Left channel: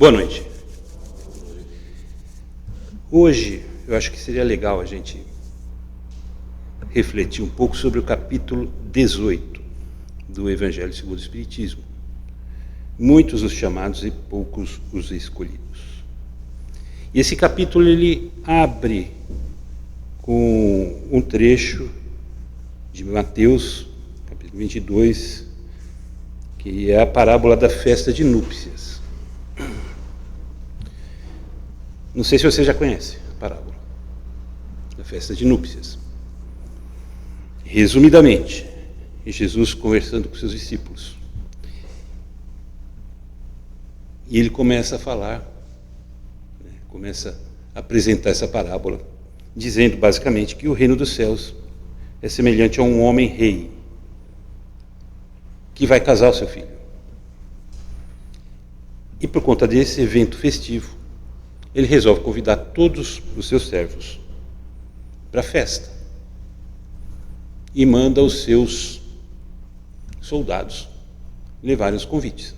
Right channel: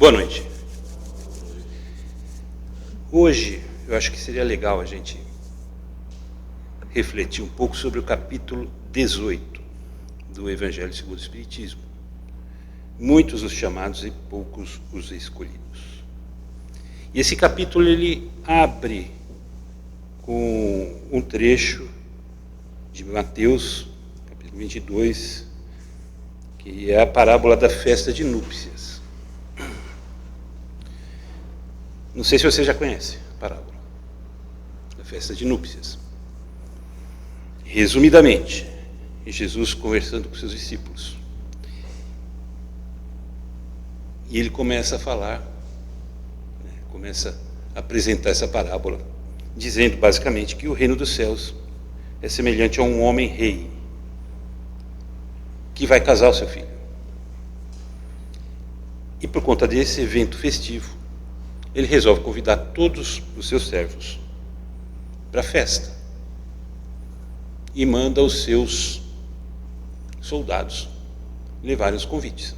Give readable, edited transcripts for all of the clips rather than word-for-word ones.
Boa noite. Hoje, eu acho que seria legal a gente refletir um pouco sobre o capítulo 18 do Evangelho segundo o Espiritismo. Muitos os chamados e poucos os escolhidos. E esse capítulo ele abre com um trecho de Mateus, capítulo 22, que é a parábola da festa de núpcias. Não sei se você já conhece a parábola da festa de núpcias. Resumidamente, Jesus conversando com seus discípulos. E ele começa a falar, começa a apresentar essa parábola, dizendo basicamente que o reino dos céus é semelhante a um homem rei que vai casar o seu filho. E por conta desse evento festivo, ele resolve convidar todos os seus servos para a festa e manda os seus soldados levarem os convites.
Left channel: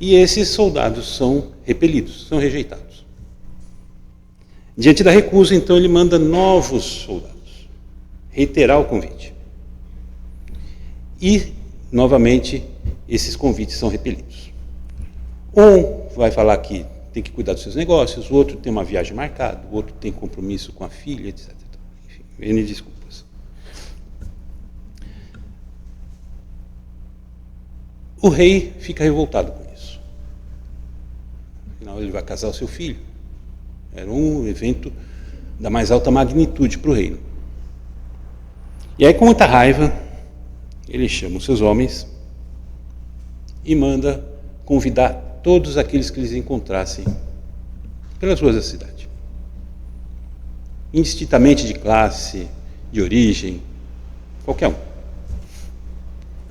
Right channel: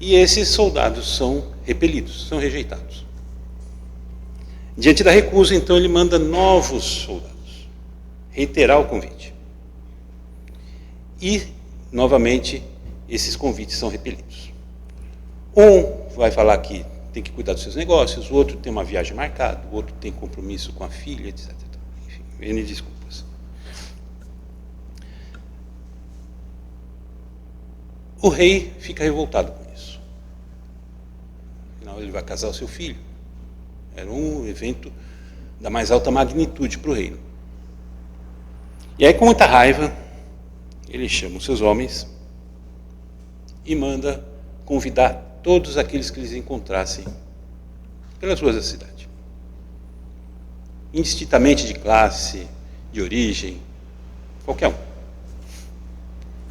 E esses soldados são repelidos, são rejeitados. Diante da recusa, então, ele manda novos soldados reiterar o convite. E, novamente, esses convites são repelidos. Um vai falar que tem que cuidar dos seus negócios, o outro tem uma viagem marcada, o outro tem compromisso com a filha, etc. Enfim, N desculpas. O rei fica revoltado com isso. Afinal, ele vai casar o seu filho. Era um evento da mais alta magnitude para o reino. E aí, com muita raiva, ele chama os seus homens e manda convidar todos aqueles que eles encontrassem pelas ruas da cidade. Indistintamente de classe, de origem, qualquer um.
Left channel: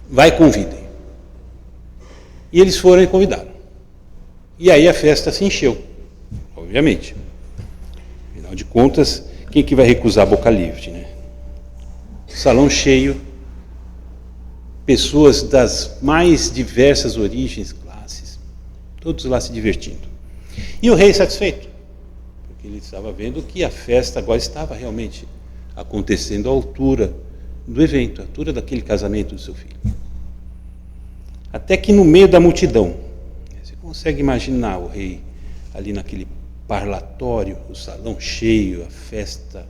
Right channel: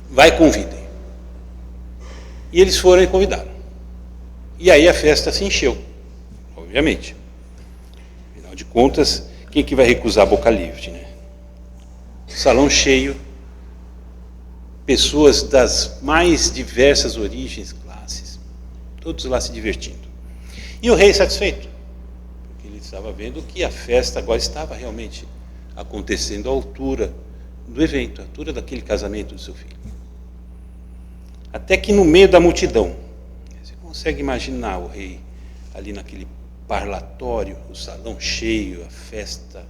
Vai, convidem. E eles foram e convidaram. E aí a festa se encheu, obviamente. Afinal de contas, quem que vai recusar a boca livre, né? Salão cheio, pessoas das mais diversas origens, classes, todos lá se divertindo. E o rei satisfeito, porque ele estava vendo que a festa agora estava realmente acontecendo à altura do evento, à altura daquele casamento do seu filho. Até que no meio da multidão, você consegue imaginar o rei ali naquele parlatório, o salão cheio, a festa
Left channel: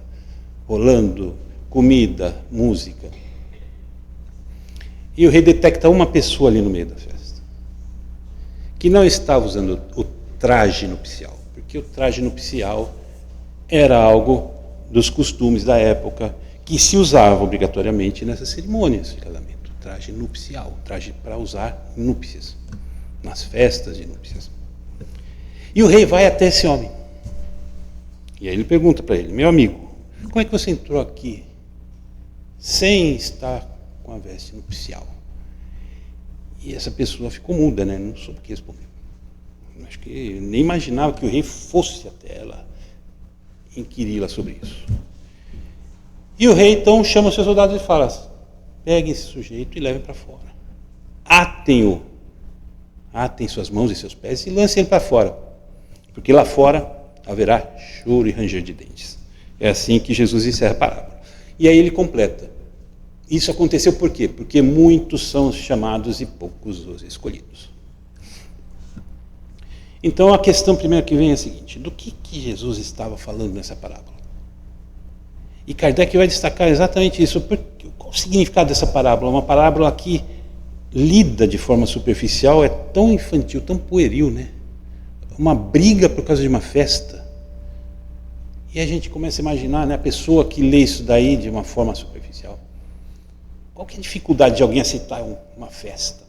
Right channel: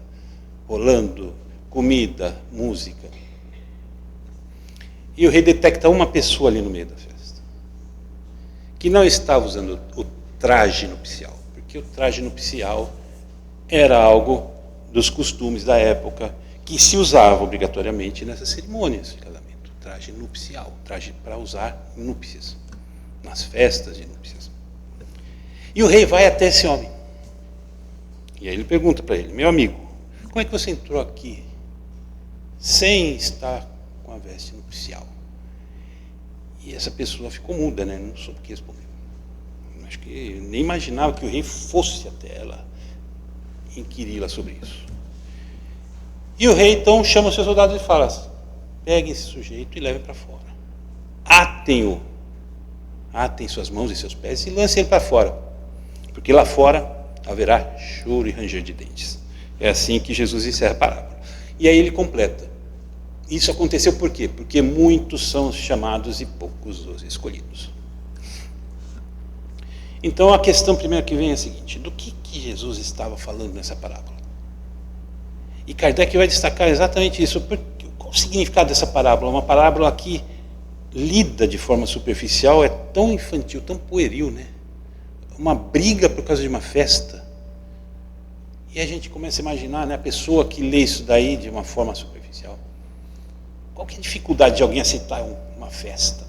rolando, comida, música. E o rei detecta uma pessoa ali no meio da festa, que não estava usando o traje nupcial, porque o traje nupcial era algo dos costumes da época que se usava obrigatoriamente nessas cerimônias de casamento. Traje nupcial, traje para usar em núpcias, nas festas de núpcias. E o rei vai até esse homem. E aí ele pergunta para ele: meu amigo, como é que você entrou aqui sem estar com a veste nupcial? E essa pessoa ficou muda, né? Não soube o que responder. Acho que nem imaginava que o rei fosse até ela inquiri-la sobre isso. E o rei então chama os seus soldados e fala: peguem esse sujeito e levem para fora. Atem-o. Atem suas mãos e seus pés e lancem ele para fora. Porque lá fora haverá choro e ranger de dentes. É assim que Jesus encerra a parábola. E aí ele completa. Isso aconteceu por quê? Porque muitos são os chamados e poucos os escolhidos. Então a questão primeira que vem é a seguinte: do que Jesus estava falando nessa parábola? E Kardec vai destacar exatamente isso. Qual o significado dessa parábola? Uma parábola que, lida de forma superficial, é tão infantil, tão pueril, né? Uma briga por causa de uma festa. E a gente começa a imaginar, né, a pessoa que lê isso daí de uma forma superficial. Qual que é a dificuldade de alguém aceitar uma festa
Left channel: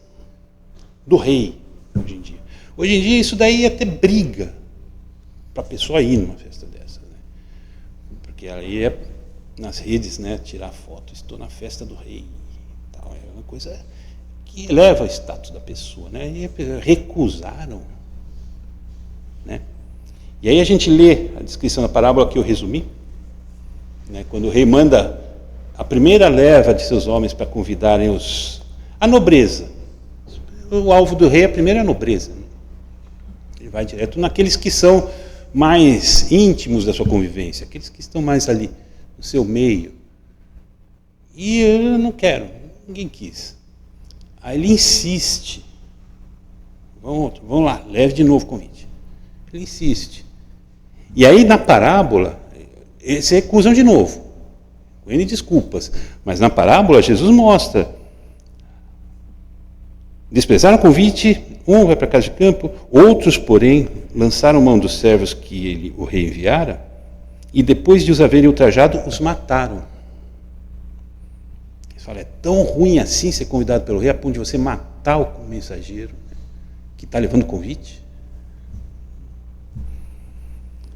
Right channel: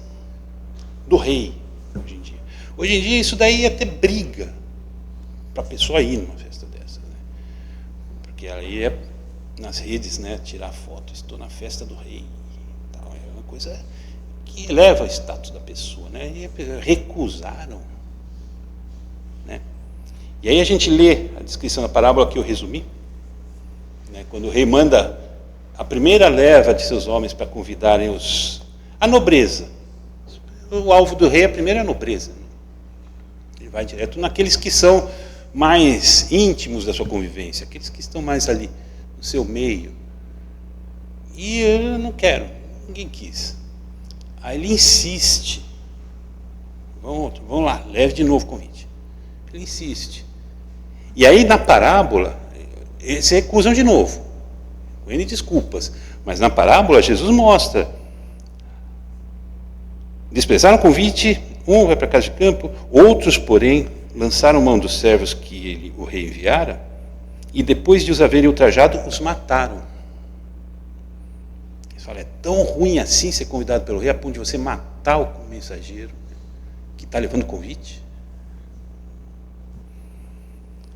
do rei hoje em dia? Hoje em dia isso daí é até briga para a pessoa ir numa festa dessa, né? Porque aí é nas redes, né, tirar foto, estou na festa do rei, tal, é uma coisa que eleva o status da pessoa, né? E recusaram, né? E aí a gente lê a descrição da parábola que eu resumi, né, quando o rei manda a primeira leva de seus homens para convidarem a nobreza. O alvo do rei, a primeira é a nobreza, né? Ele vai direto naqueles que são mais íntimos da sua convivência, aqueles que estão mais ali no seu meio. E eu não quero, ninguém quis. Aí ele insiste. Vamos lá, leve de novo o convite. Ele insiste. E aí na parábola, eles se recusam de novo. Com N desculpas. Mas na parábola, Jesus mostra. Desprezaram o convite, um vai para a casa de campo, outros, porém, lançaram mão dos servos que o rei enviara, e depois de os haverem ultrajado, os mataram. Eles falam, é tão ruim assim ser convidado pelo rei, a ponto de você matar o mensageiro que está levando o convite?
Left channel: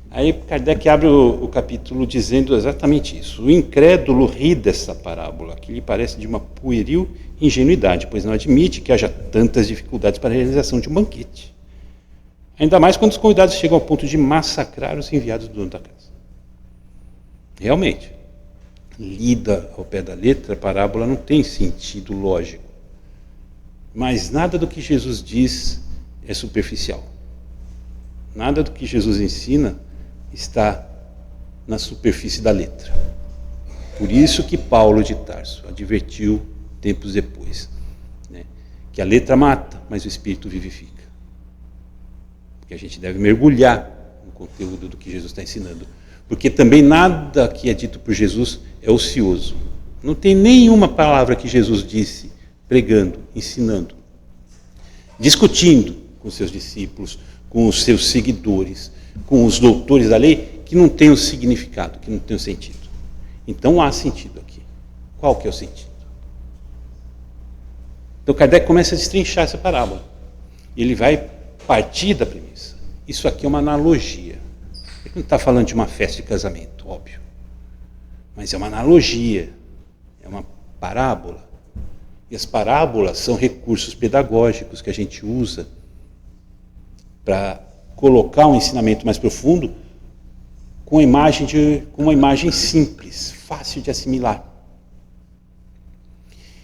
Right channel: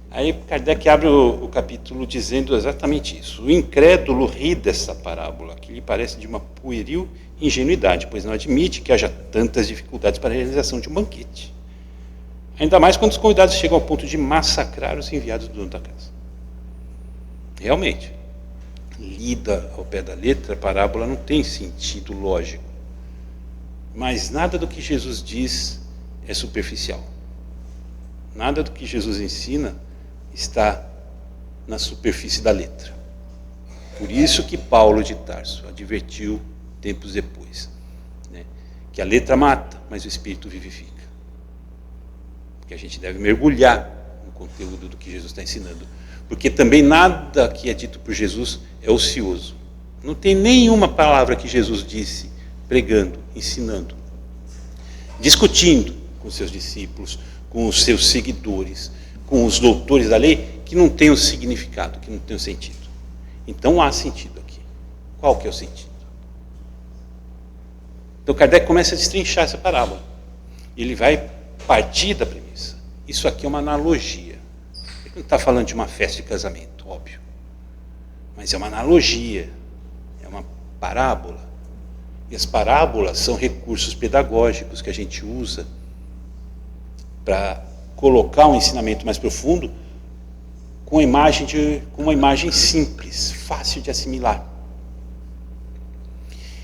Aí Kardec abre o capítulo dizendo exatamente isso. O incrédulo ri dessa parábola, que lhe parece de uma pueril ingenuidade, pois não admite que haja tantas dificuldades para a realização de um banquete. Ainda mais quando os convidados chegam ao ponto de massacrar os enviados do dono da casa. Realmente, lida ao pé da letra, a parábola não tem sentido lógico. Mas nada do que Jesus diz é superficial. Nada do que Jesus ensina está na superfície da letra. Por isso que Paulo de Tarso advertiu tempos depois, né, que a letra mata, mas o Espírito vivifica. Porque a gente deve mergulhar no conteúdo do que Jesus está ensinando. Porque também nada que é dito por Jesus é ocioso. Não tem nenhuma palavra que Jesus disse pregando, ensinando, discutindo com seus discípulos, com os seus seguidores, com os doutores da lei, que não tem o significado, que não tem o sentido. Então há sentido aqui. Qual que é o sentido? Então Kardec começa a destrinchar essa parábola. Ele vai partir da premissa. Isso aqui é uma analogia. Ele não está falando de uma festa de casamento, óbvio. Mas é uma analogia. É uma parábola. E as parábolas são recursos pedagógicos que a gente usa para colocar um ensinamento mais profundo com uma imagem simples, fácil de assimilar.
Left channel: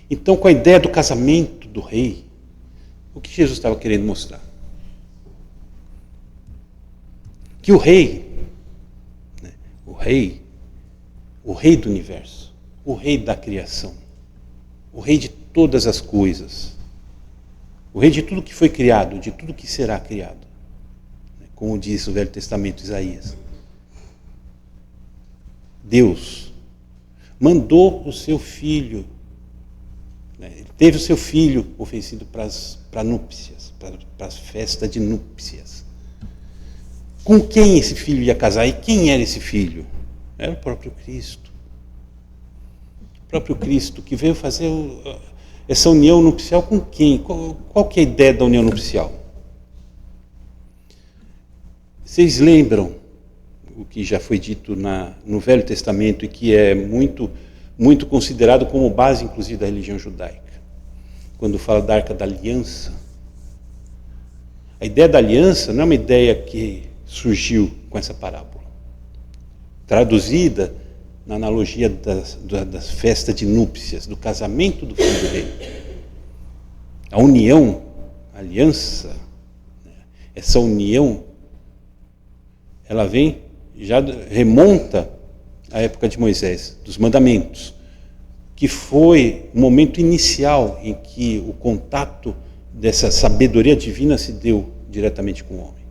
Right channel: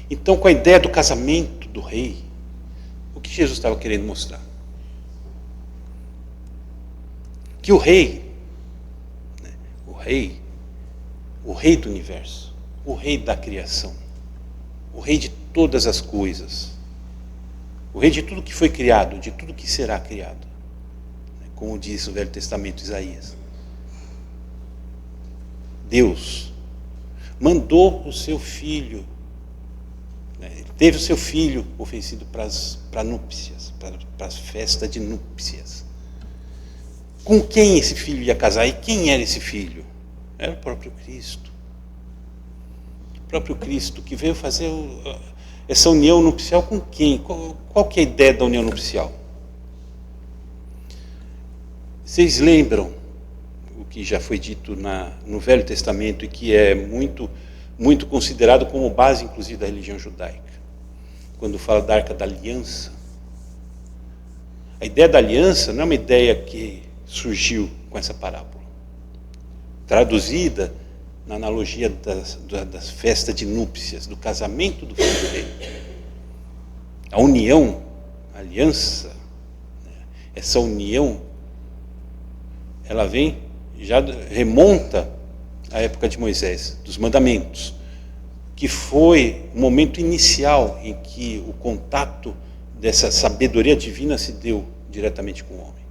Então, com a ideia do casamento do rei, o que Jesus estava querendo mostrar? Que o rei do universo, o rei da criação, o rei de todas as coisas, o rei de tudo que foi criado, de tudo que será criado, como diz o Velho Testamento, Isaías. Deus mandou o seu filho, ele teve o seu filho oferecido para núpcias, para as festas de núpcias. Com quem esse filho ia casar? E quem era esse filho? Era o próprio Cristo. O próprio Cristo que veio fazer essa união nupcial com quem? Qual que é a ideia da união nupcial? Vocês lembram o que já foi dito no Velho Testamento e que é muito, muito considerado como base, inclusive, da religião judaica? Quando fala da Arca da Aliança. A ideia da aliança não é uma ideia que surgiu com essa parábola. Traduzida na analogia das festas de núpcias, do casamento do filho do rei. A união, a aliança, essa união, ela já remonta à época de Moisés, dos mandamentos, que foi o momento inicial em que o contato dessa sabedoria divina se deu diretamente com o homem.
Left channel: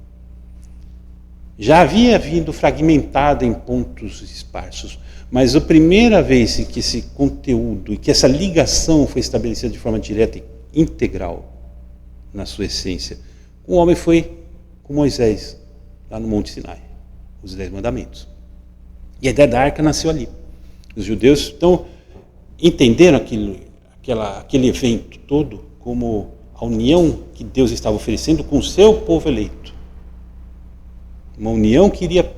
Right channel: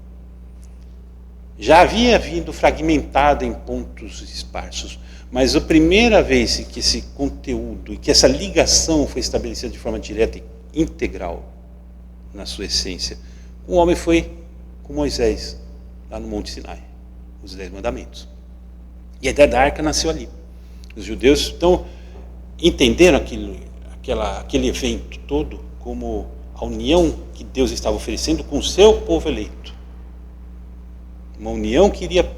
Já havia vindo fragmentado em pontos esparsos, mas a primeira vez em que esse conteúdo e que essa ligação foi estabelecida de forma direta e integral na sua essência, o homem foi com Moisés, lá no Monte Sinai, os 10 mandamentos. E a ideia da arca nasceu ali. Os judeus então entenderam aquele evento todo como a união que Deus estava oferecendo com o seu povo eleito. Uma união que iria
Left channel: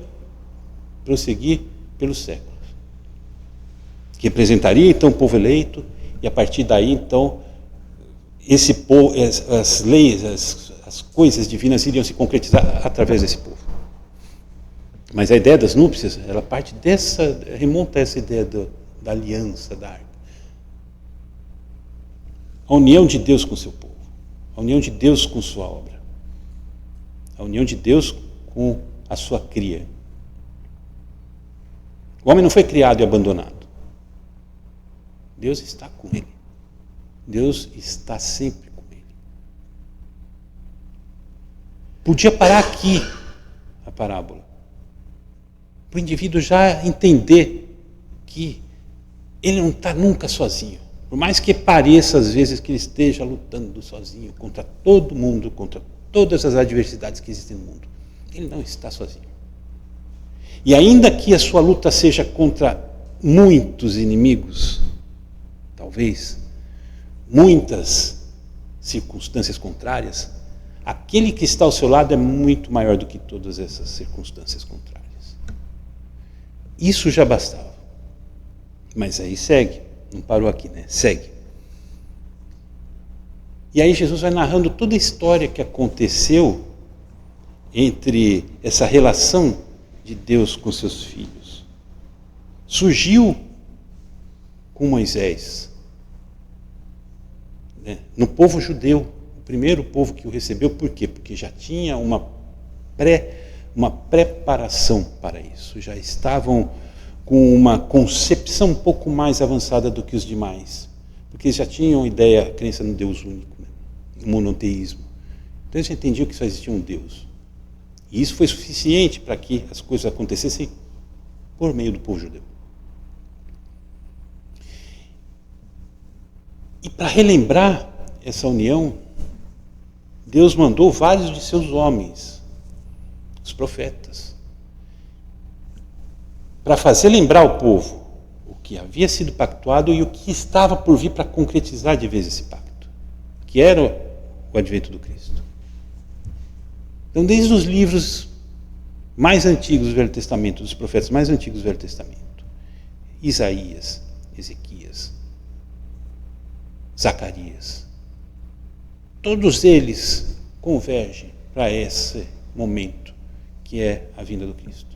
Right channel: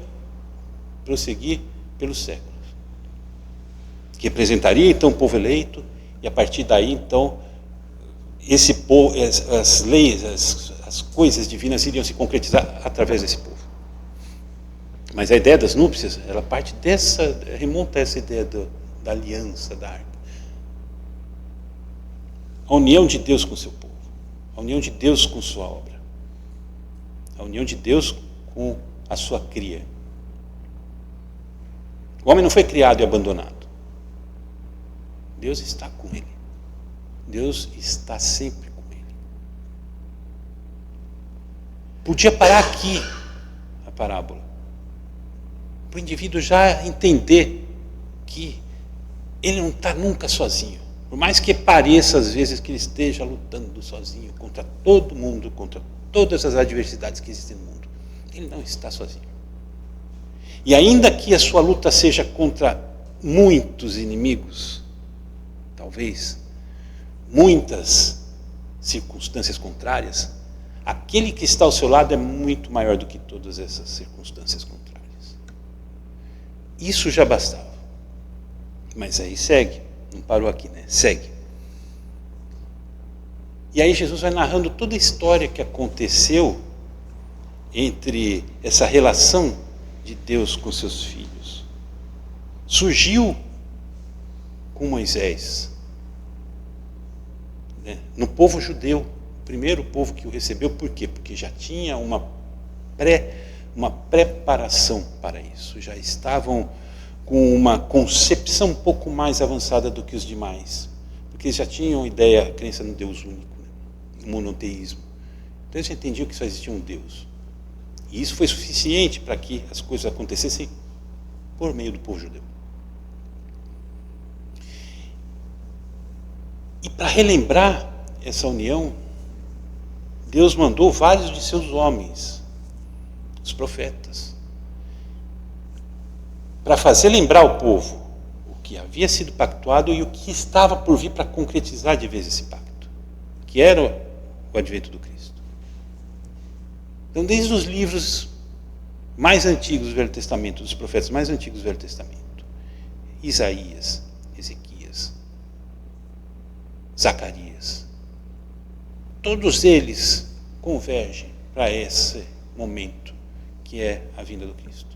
prosseguir pelos séculos. Que representaria então o povo eleito, e a partir daí então esse povo, as leis, as coisas divinas iriam se concretizar através desse povo. Mas a ideia das núpcias, ela parte remonta a essa ideia da aliança, da arca. A união de Deus com o seu povo, a união de Deus com sua obra. A união de Deus com a sua cria. O homem não foi criado e abandonado. Deus está com ele. Deus está sempre com ele. Podia parar aqui a parábola, para o indivíduo já entender que ele não está nunca sozinho. Por mais que pareça às vezes que ele esteja lutando sozinho contra todo mundo, contra todas as adversidades que existem no mundo, ele não está sozinho. E ainda que a sua luta seja contra muitos inimigos, talvez, muitas circunstâncias contrárias, aquele que está ao seu lado é muito maior do que todas essas circunstâncias contrárias. Isso já bastava. Mas aí segue, não parou aqui, né? Segue. E aí Jesus vai narrando toda a história que aconteceu entre essa relação de Deus com seus filhos. Surgiu com Moisés, né? No povo judeu, o primeiro povo que o recebeu. Por quê? Porque já tinha uma preparação para isso, já estavam com uma concepção um pouco mais avançada do que os demais, porque eles já tinham ideia, a crença no Deus único, né? No monoteísmo. Então eles já entendiam que só existia um Deus. E isso foi suficiente para que as coisas acontecessem por meio do povo judeu. E para relembrar essa união, Deus mandou vários de seus homens, os profetas, para fazer lembrar o povo o que havia sido pactuado e o que estava por vir para concretizar de vez esse pacto, que era o advento do Cristo. Então, desde os livros mais antigos do Velho Testamento, dos profetas mais antigos do Velho Testamento, Isaías, Ezequias, Zacarias, todos eles convergem para esse momento que é a vinda do Cristo.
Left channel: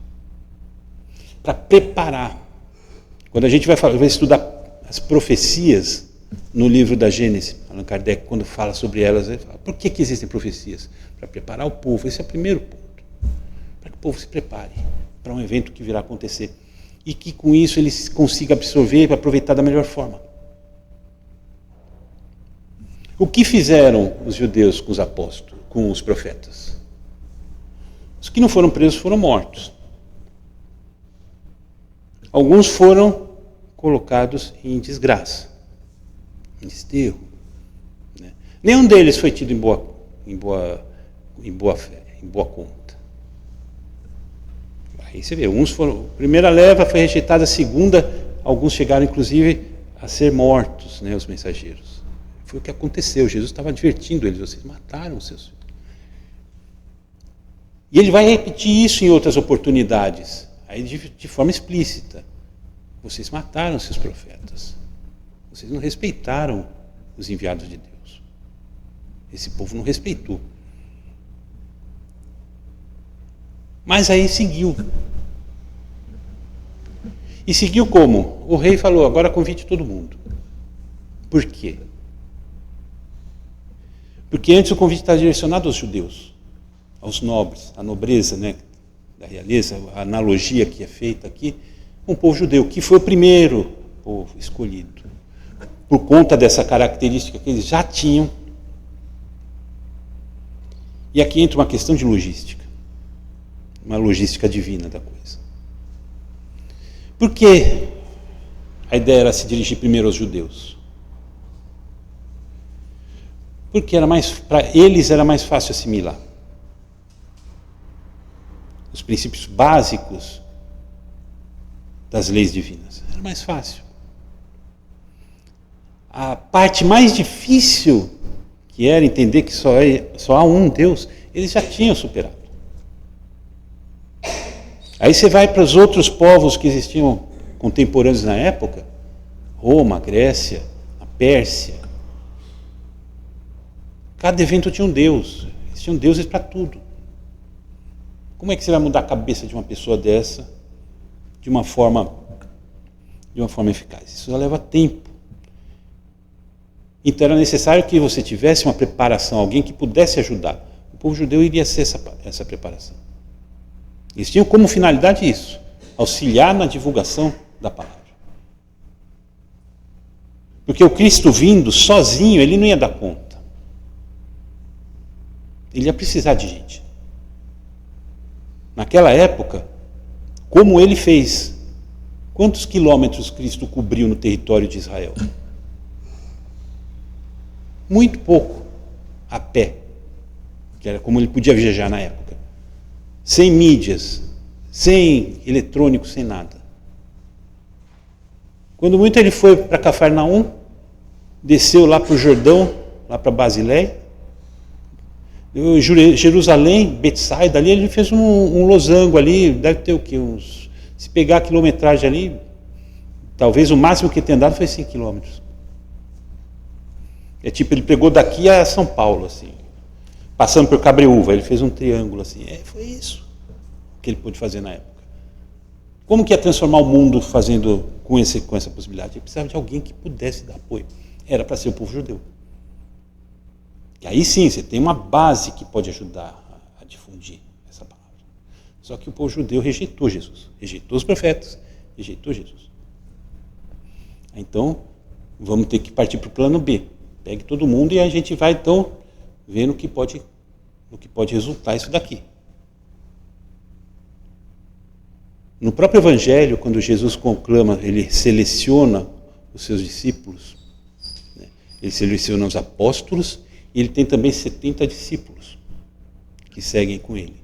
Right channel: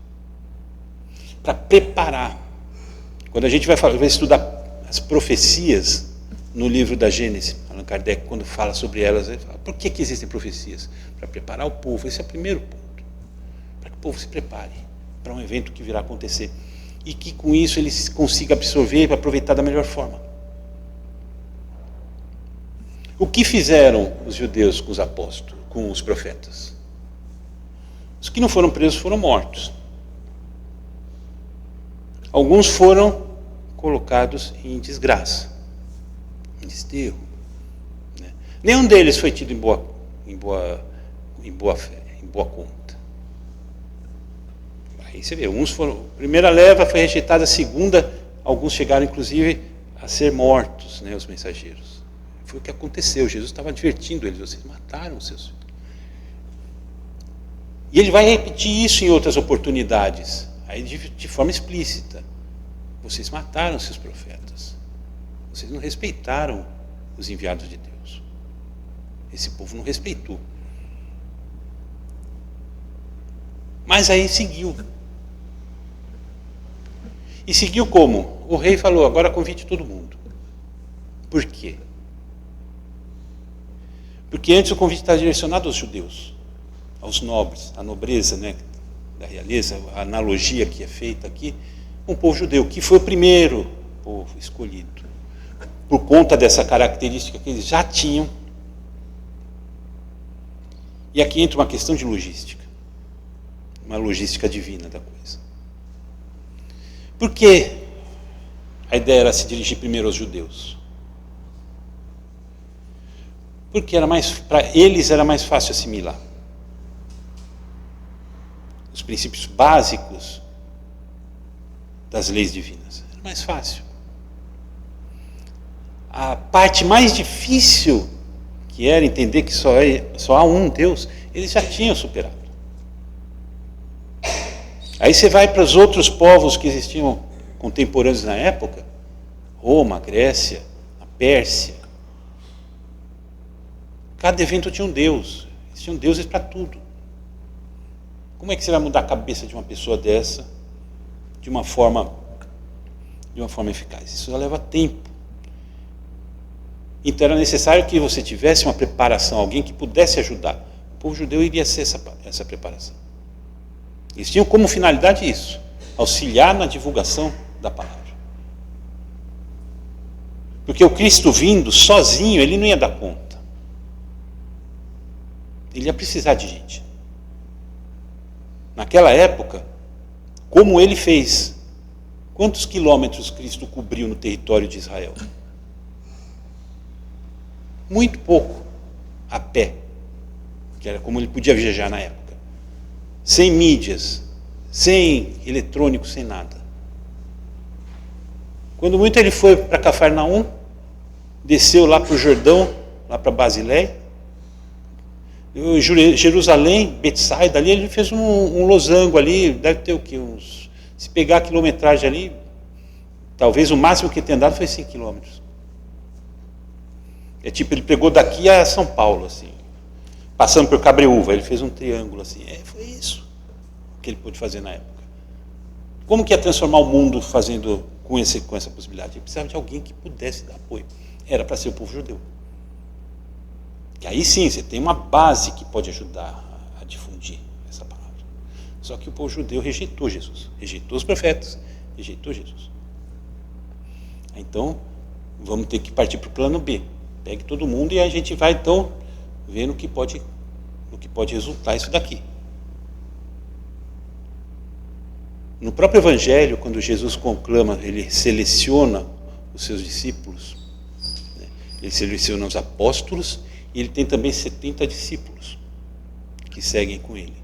Para preparar. Quando a gente vai estudar as profecias no livro da Gênesis, Allan Kardec, quando fala sobre elas, ele fala, por que existem profecias? Para preparar o povo. Esse é o primeiro ponto. Para que o povo se prepare para um evento que virá acontecer. E que com isso ele consiga absorver e aproveitar da melhor forma. O que fizeram os judeus com os apóstolos, com os profetas? Os que não foram presos foram mortos. Alguns foram colocados em desgraça, em desterro. Né? Nenhum deles foi tido em boa fé, em boa conta. Aí você vê, uns foram, a primeira leva foi rejeitada, a segunda, alguns chegaram inclusive a ser mortos, né, os mensageiros. Foi o que aconteceu, Jesus estava advertindo eles, vocês mataram os seus filhos. E ele vai repetir isso em outras oportunidades, aí de forma explícita. Vocês mataram seus profetas. Vocês não respeitaram os enviados de Deus. Esse povo não respeitou. Mas aí seguiu. E seguiu como? O rei falou, agora convide todo mundo. Por quê? Porque antes o convite estava direcionado aos judeus, aos nobres, à nobreza, né, da realeza, a analogia que é feita aqui, um povo judeu, que foi o primeiro povo escolhido, por conta dessa característica que eles já tinham. E aqui entra uma questão de logística, uma logística divina da coisa. Por que a ideia era se dirigir primeiro aos judeus? Porque para eles era mais fácil assimilar os princípios básicos das leis divinas. Era mais fácil. A parte mais difícil, que era entender que só há um Deus, eles já tinham superado. Aí você vai para os outros povos que existiam contemporâneos na época, Roma, Grécia, a Pérsia. Cada evento tinha um Deus, existiam deuses para tudo. Como é que você vai mudar a cabeça de uma pessoa dessa de uma forma eficaz? Isso já leva tempo. Então era necessário que você tivesse uma preparação, alguém que pudesse ajudar o povo judeu iria ser essa preparação. Eles tinham como finalidade isso, auxiliar na divulgação da palavra. Porque o Cristo vindo sozinho, ele não ia dar conta. Ele ia precisar de gente. Naquela época, como ele fez, quantos quilômetros Cristo cobriu no território de Israel? Muito pouco, a pé, que era como ele podia viajar na época. Sem mídias, sem eletrônico, sem nada. Quando muito ele foi para Cafarnaum, desceu lá para o Jordão, lá para Basileia, Jerusalém, Betsaida, ali ele fez um losango ali, deve ter o quê? Se pegar a quilometragem ali, talvez o máximo que ele tenha andado foi 5 quilômetros. É tipo, ele pegou daqui a São Paulo, assim, passando por Cabreúva, ele fez um triângulo assim. Foi isso que ele pôde fazer na época. Como que ia transformar o mundo fazendo com essa possibilidade? Ele precisava de alguém que pudesse dar apoio. Era para ser o povo judeu. E aí sim, você tem uma base que pode ajudar a difundir essa palavra. Só que o povo judeu rejeitou Jesus, rejeitou os profetas, rejeitou Jesus. Então, vamos ter que partir para o plano B. Pegue todo mundo e a gente vai então ver no que pode resultar isso daqui. No próprio Evangelho, quando Jesus conclama, ele seleciona os seus discípulos, né? Ele seleciona os apóstolos e ele tem também 70 discípulos que seguem com ele.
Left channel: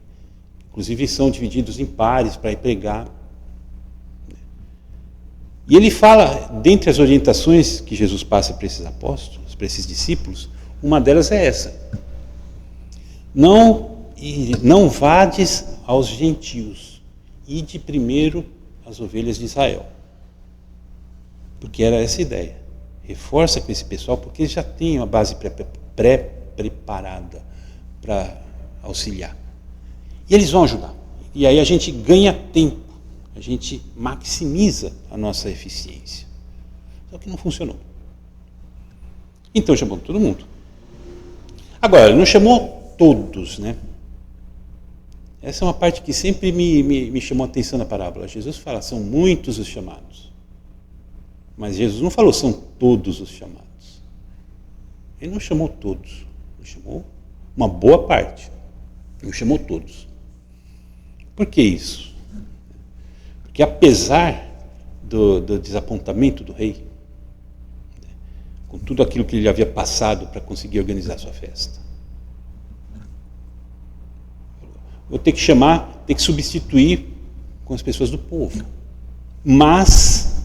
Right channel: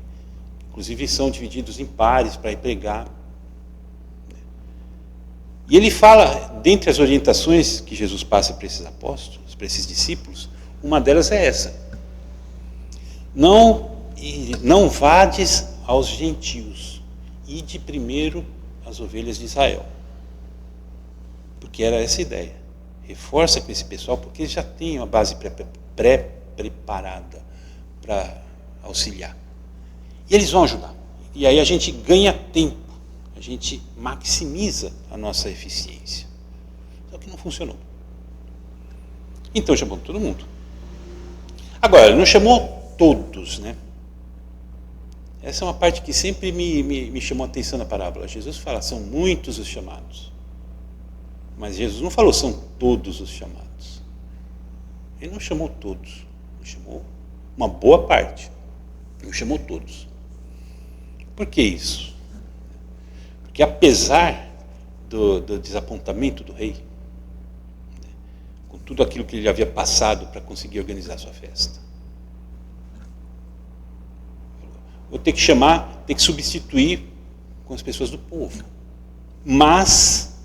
Inclusive são divididos em pares para ir pregar. E ele fala, dentre as orientações que Jesus passa para esses apóstolos, para esses discípulos, uma delas é essa. Não vades aos gentios, ide primeiro às ovelhas de Israel. Porque era essa a ideia. Reforça com esse pessoal, porque eles já têm uma base pré-preparada para auxiliar. E eles vão ajudar. E aí a gente ganha tempo, a gente maximiza a nossa eficiência. Só que não funcionou. Então chamou todo mundo. Agora, ele não chamou todos, né? Essa é uma parte que sempre me chamou a atenção na parábola. Jesus fala, são muitos os chamados. Mas Jesus não falou, são todos os chamados. Ele não chamou todos. Ele chamou uma boa parte. Ele não chamou todos. Por que isso? Porque apesar do desapontamento do rei, com tudo aquilo que ele havia passado para conseguir organizar sua festa, vou ter que chamar, ter que substituir com as pessoas do povo. Mas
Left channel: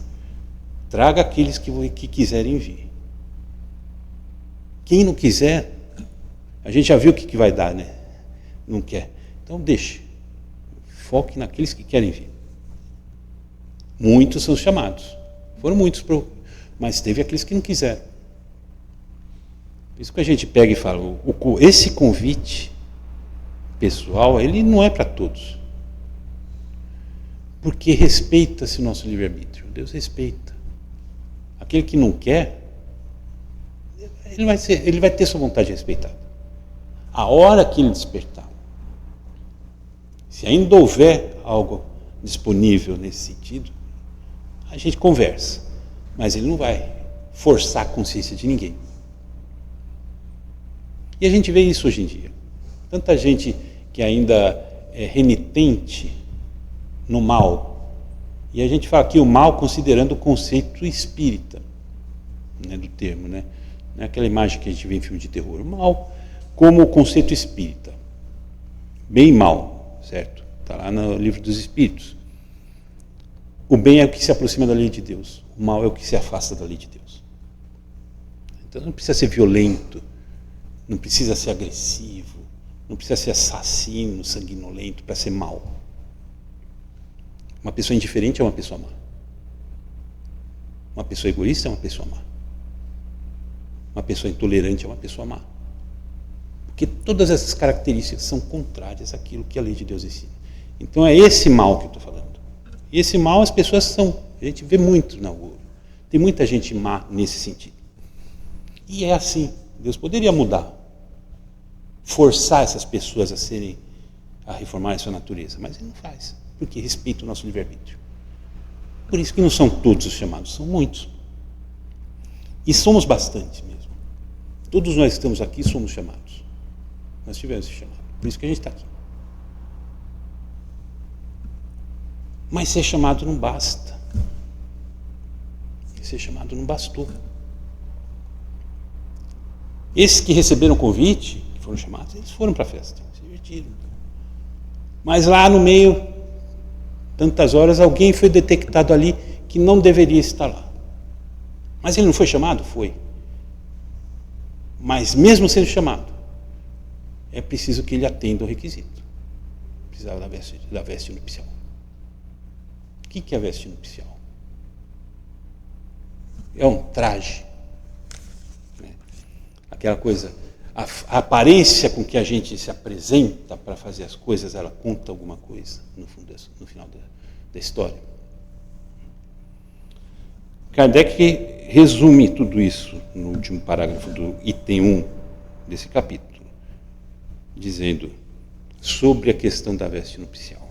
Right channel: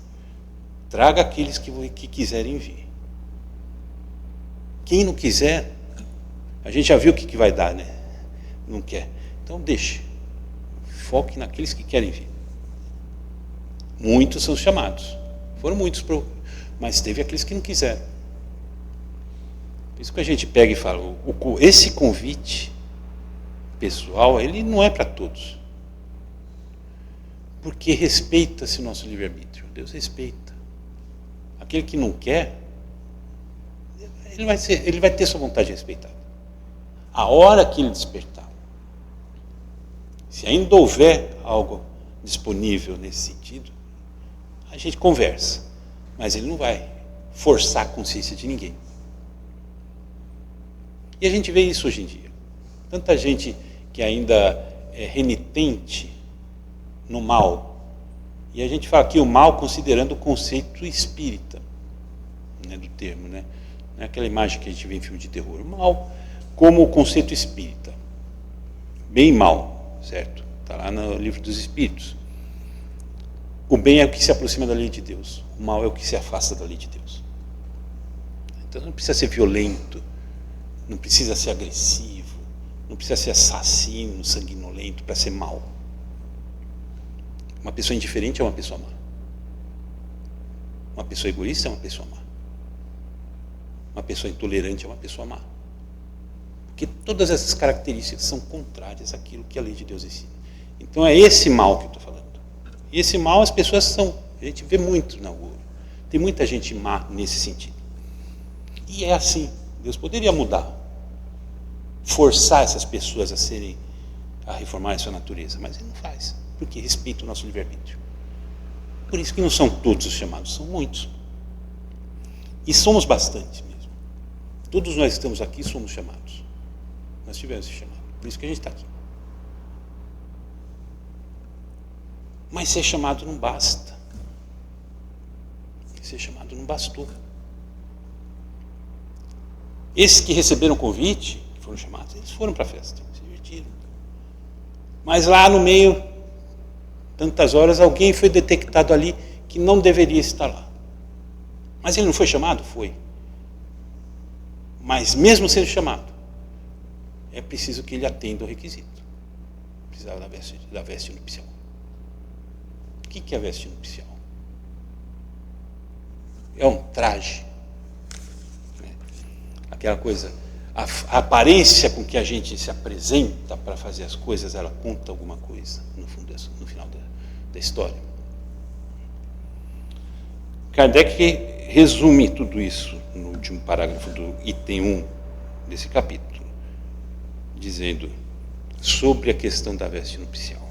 traga aqueles que quiserem vir. Quem não quiser, a gente já viu o que vai dar, né? Não quer. Então deixe. Foque naqueles que querem vir. Muitos são chamados. Foram muitos, mas teve aqueles que não quiseram. Por isso que a gente pega e fala, esse convite pessoal, ele não é para todos. Porque respeita-se o nosso livre-arbítrio. Deus respeita. Aquele que não quer, ele vai ter sua vontade respeitada. A hora que ele despertar, se ainda houver algo disponível nesse sentido, a gente conversa. Mas ele não vai forçar a consciência de ninguém. E a gente vê isso hoje em dia. Tanta gente que ainda é renitente no mal. E a gente fala aqui o mal considerando o conceito espírita, né, do termo, né? Não é aquela imagem que a gente vê em filme de terror. O mal como o conceito espírita. Bem e mal, certo? Está lá no livro dos Espíritos. O bem é o que se aproxima da lei de Deus. O mal é o que se afasta da lei de Deus. Então não precisa ser violento, não precisa ser agressivo, não precisa ser assassino, sanguinolento para ser mal. Uma pessoa indiferente é uma pessoa má. Uma pessoa egoísta é uma pessoa má. Uma pessoa intolerante é uma pessoa má. Porque todas essas características são contrárias àquilo que a lei de Deus ensina. Então é esse mal que eu estou falando. E esse mal as pessoas são. A gente vê muito na rua. Tem muita gente má nesse sentido. E é assim. Deus poderia mudar. forçar essas pessoas a reformar a sua natureza, mas ele não faz, porque respeita o nosso livre-arbítrio. Por isso que não são todos os chamados, são muitos. E somos bastante mesmo. Todos nós que estamos aqui somos chamados. Nós tivemos esse chamado, por isso que a gente está aqui. Mas ser chamado não basta. Ser chamado não bastou. Esses que receberam o convite, que foram chamados, eles foram para a festa, se divertiram. Mas lá no meio, tantas horas, alguém foi detectado ali que não deveria estar lá. Mas ele não foi chamado? Foi. Mas mesmo sendo chamado, é preciso que ele atenda o requisito. Precisava da veste nupcial. O que é a veste nupcial? É um traje. Né? Aquela coisa, a aparência com que a gente se apresenta para fazer as coisas, ela conta alguma coisa no final da história. Kardec resume tudo isso no último parágrafo do item 1 desse capítulo, dizendo sobre a questão da veste nupcial.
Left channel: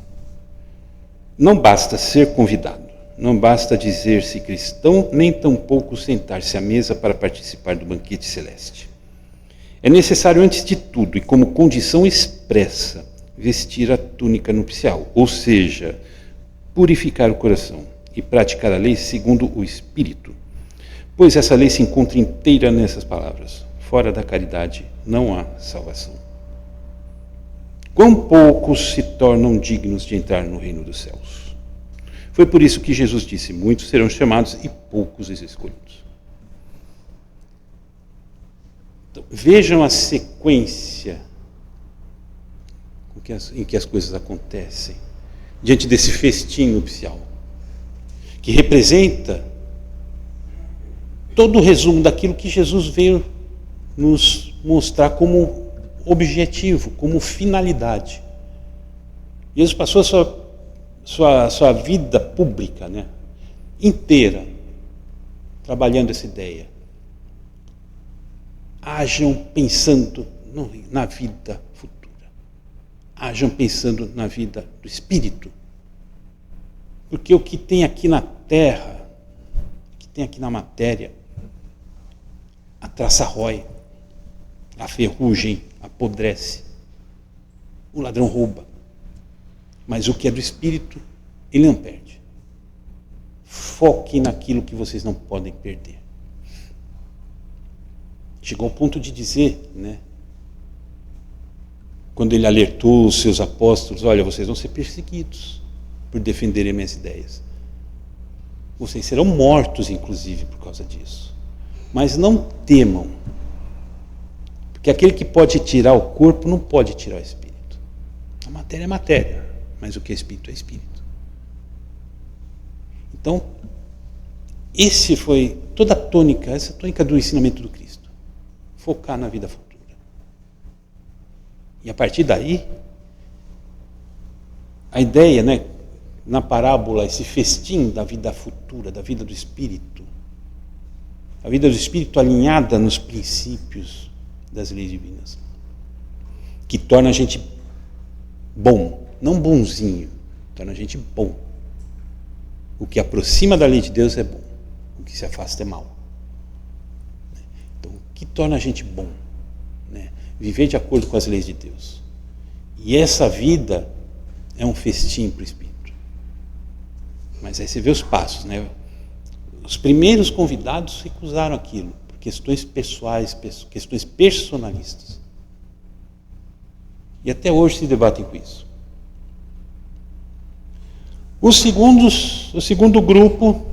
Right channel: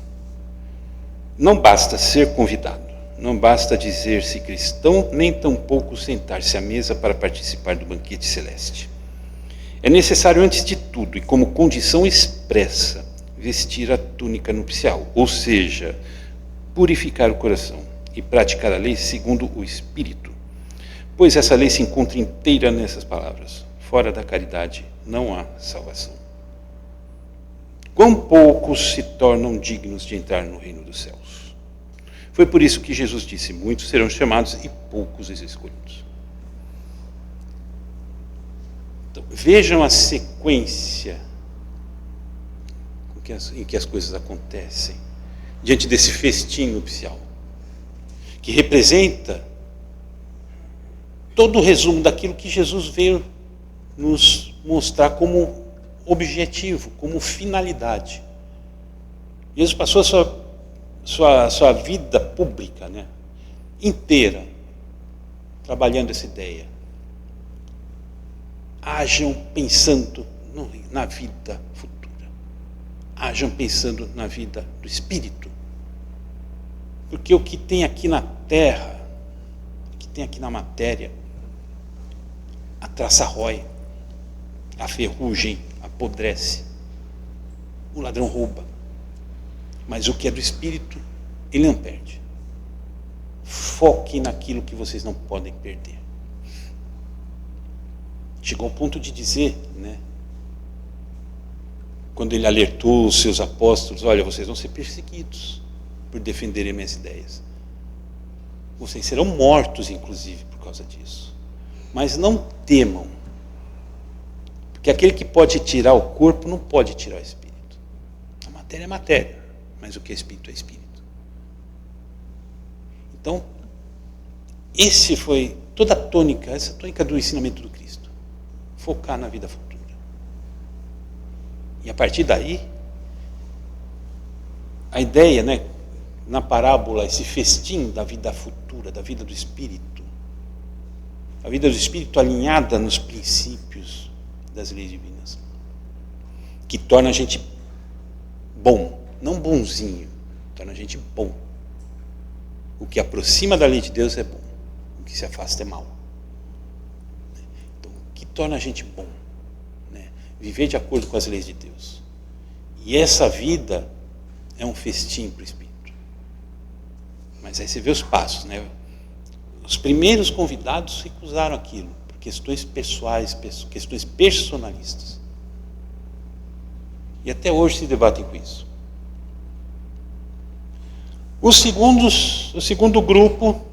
Não basta ser convidado, não basta dizer-se cristão, nem tampouco sentar-se à mesa para participar do banquete celeste. É necessário, antes de tudo, e como condição expressa, vestir a túnica nupcial, ou seja, purificar o coração e praticar a lei segundo o Espírito. Pois essa lei se encontra inteira nessas palavras: fora da caridade não há salvação. Quão poucos se tornam dignos de entrar no reino dos céus. Foi por isso que Jesus disse: muitos serão chamados e poucos os escolhidos. Então, vejam a sequência em que as coisas acontecem diante desse festim nupcial, que representa todo o resumo daquilo que Jesus veio nos mostrar como objetivo, como finalidade. Jesus passou a sua vida pública, né, inteira trabalhando essa ideia. Hajam pensando na vida futura. Hajam pensando na vida do Espírito. Porque o que tem aqui na terra, o que tem aqui na matéria, a traça rói, a ferrugem apodrece, o ladrão rouba. Mas o que é do Espírito, ele não perde. Foque naquilo que vocês não podem perder. Chegou ao ponto de dizer, né, quando ele alertou os seus apóstolos: olha, vocês vão ser perseguidos por defenderem minhas ideias. Vocês serão mortos, inclusive, por causa disso. Mas não temam, porque aquele que pode tirar o corpo não pode tirar o espírito. A matéria é matéria, mas o que é espírito é espírito. Então, esse foi toda a tônica, essa tônica do ensinamento do Cristo. Focar na vida futura. E a partir daí, a ideia, né, na parábola, esse festim da vida futura, da vida do Espírito, a vida do Espírito alinhada nos princípios das leis divinas, que torna a gente bom, não bonzinho, torna a gente bom. O que aproxima da lei de Deus é bom, o que se afasta é mal. Então, o que torna a gente bom? Né? Viver de acordo com as leis de Deus. E essa vida é um festim para o Espírito. Mas aí você vê os passos, né? Os primeiros convidados recusaram aquilo, por questões pessoais, questões personalistas. E até hoje se debatem com isso. O segundo grupo,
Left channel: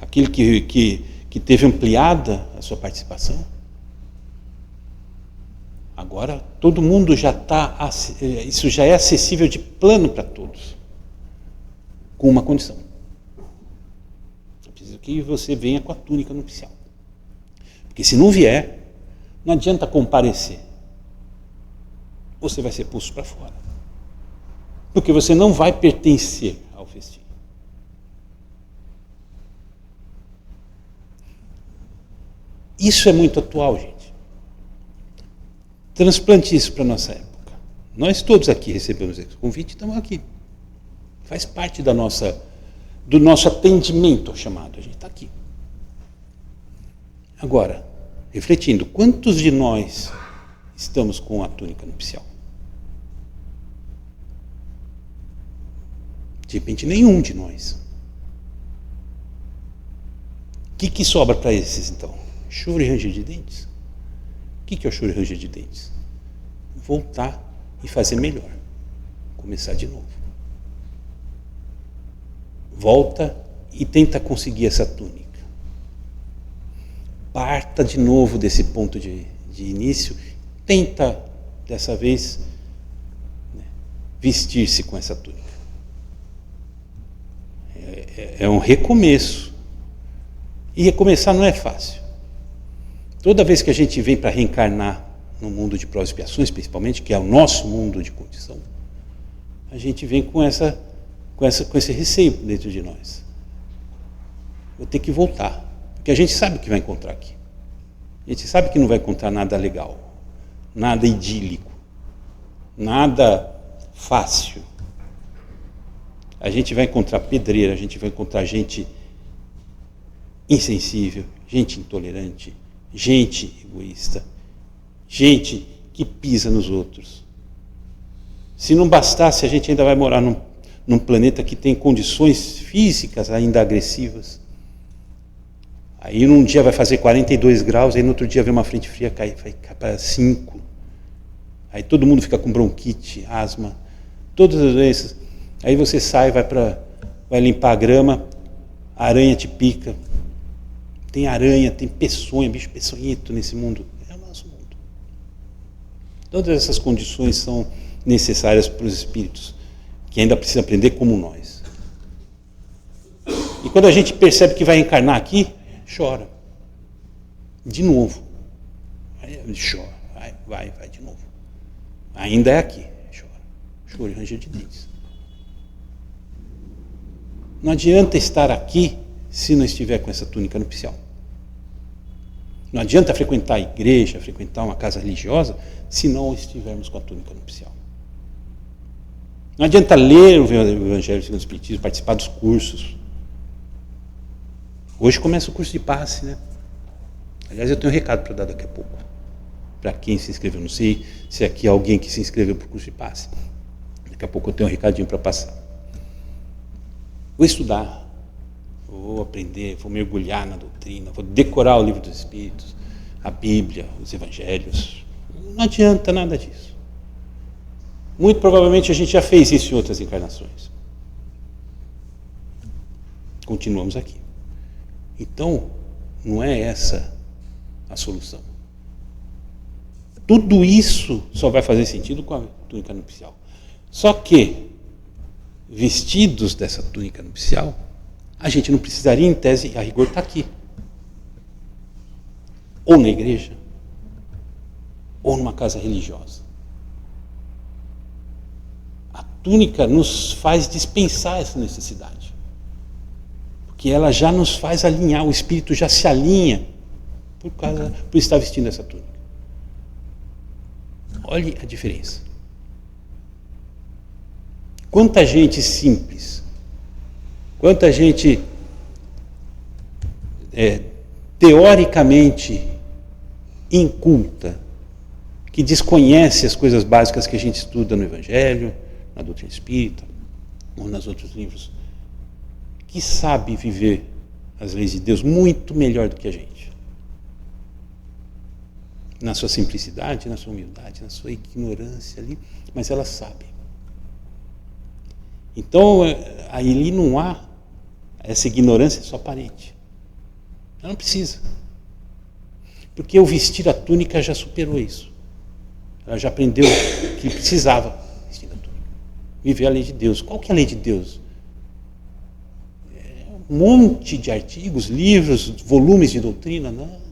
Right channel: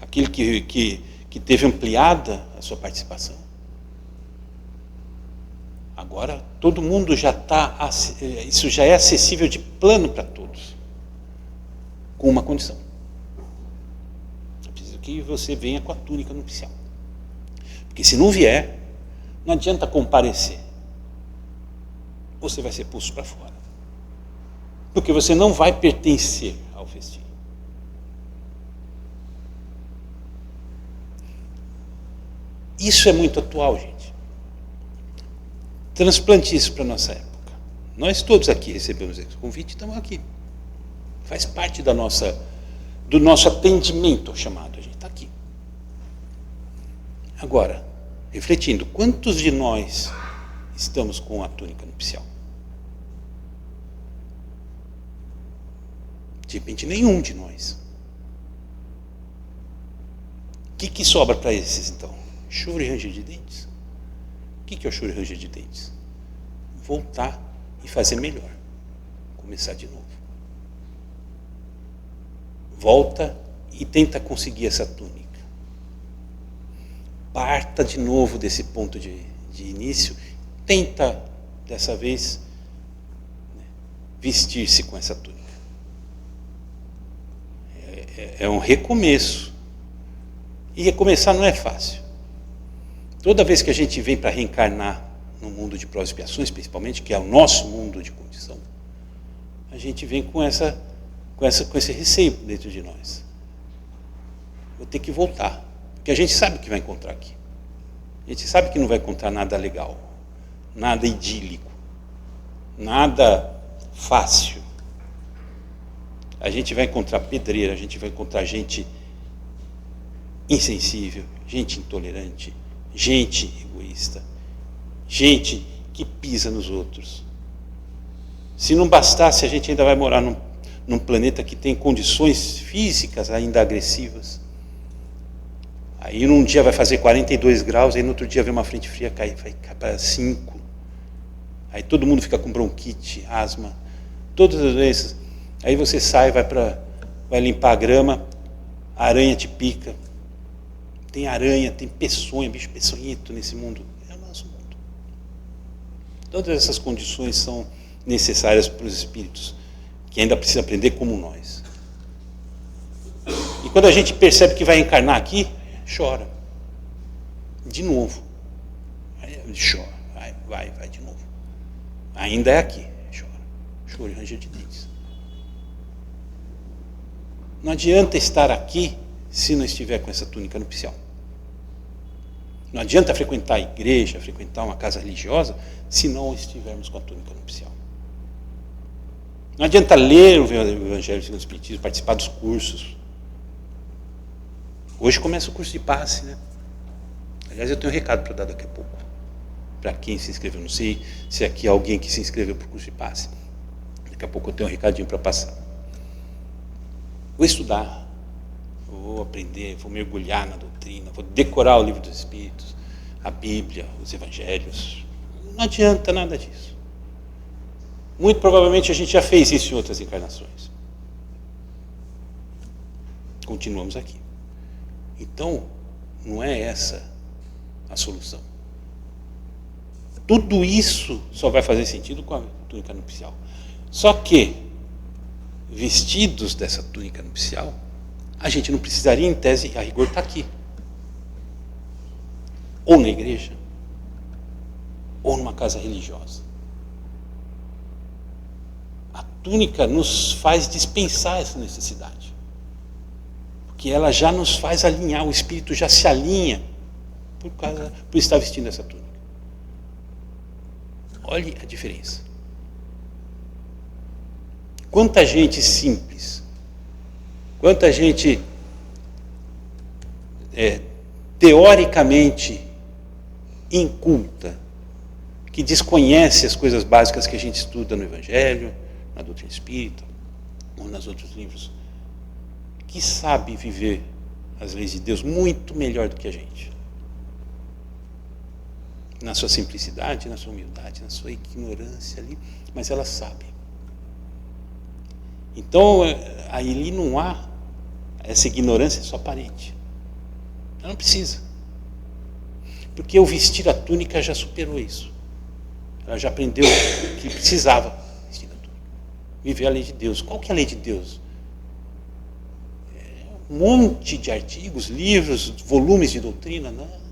aquele que teve ampliada a sua participação, agora todo mundo já está, isso já é acessível de plano para todos, com uma condição. É preciso que você venha com a túnica nupcial. Porque se não vier, não adianta comparecer. Você vai ser posto para fora. Porque você não vai pertencer ao festim. Isso é muito atual, gente. Transplante isso para a nossa época. Nós todos aqui recebemos esse convite, estamos aqui. Faz parte do nosso atendimento ao chamado, a gente está aqui. Agora, refletindo, quantos de nós estamos com a túnica nupcial? De repente, nenhum de nós. O que sobra para esses, então? Choro e ranger de dentes? O que é o choro e ranger de dentes? Voltar e fazer melhor. Começar de novo. Volta e tenta conseguir essa túnica. Parta de novo desse ponto de início. Tenta, dessa vez, vestir-se com essa túnica. É um recomeço. E recomeçar não é fácil. Toda vez que a gente vem para reencarnar no mundo de provas e expiações, principalmente, que é o nosso mundo de condição, a gente vem com esse receio dentro de nós. Vou ter que voltar. Porque a gente sabe o que vai encontrar aqui. A gente sabe que não vai encontrar nada legal, nada idílico, nada fácil. A gente vai encontrar pedreira, a gente vai encontrar gente insensível, gente intolerante, gente egoísta, gente que pisa nos outros. Se não bastasse, a gente ainda vai morar num planeta que tem condições físicas ainda agressivas. Aí num dia vai fazer 42 graus, aí no outro dia vem uma frente fria, vai cair para 5. Aí todo mundo fica com bronquite, asma, todas as doenças. Aí você sai, vai limpar a grama, a aranha te pica. Tem aranha, tem peçonha, bicho peçonhento nesse mundo. É o nosso mundo. Todas essas condições são necessárias para os espíritos, que ainda precisam aprender como nós. E quando a gente percebe que vai encarnar aqui, chora. De novo. Aí chora. Vai de novo. Ainda é aqui. Chora. Choro e ranger de dentes. Não adianta estar aqui se não estiver com essa túnica nupcial. Não adianta frequentar a igreja, frequentar uma casa religiosa, se não estivermos com a túnica nupcial. Não adianta ler o Evangelho segundo o Espiritismo, participar dos cursos. Hoje começa o curso de passe, né? Aliás, eu tenho um recado para dar daqui a pouco. Para quem se inscreveu. Não sei se aqui há alguém que se inscreveu para o curso de passe. Daqui a pouco eu tenho um recadinho para passar. Vou estudar, vou aprender, vou mergulhar na doutrina, vou decorar o livro dos Espíritos, a Bíblia, os Evangelhos. Não adianta nada disso. Muito provavelmente a gente já fez isso em outras encarnações. Continuamos aqui. Então, não é essa a solução. Tudo isso só vai fazer sentido com a túnica nupcial. Só que, vestidos dessa túnica nupcial, a gente não precisaria, em tese, a rigor está aqui. Ou na igreja, ou numa casa religiosa. A túnica nos faz dispensar essa necessidade. Porque ela já nos faz alinhar, o espírito já se alinha por estar vestindo essa túnica. Olhe a diferença. Quanta gente simples, quanta gente teoricamente inculta, que desconhece as coisas básicas que a gente estuda no Evangelho, na doutrina espírita, ou nos outros livros, que sabe viver as leis de Deus muito melhor do que a gente. Na sua simplicidade, na sua humildade, na sua ignorância ali, mas ela sabe. Então, ali não há essa ignorância só aparente. Ela não precisa. Porque o vestir a túnica já superou isso. Ela já aprendeu que precisava vestir a túnica. Viver a lei de Deus. Qual que é a lei de Deus? Um monte de artigos, livros, volumes de doutrina, não.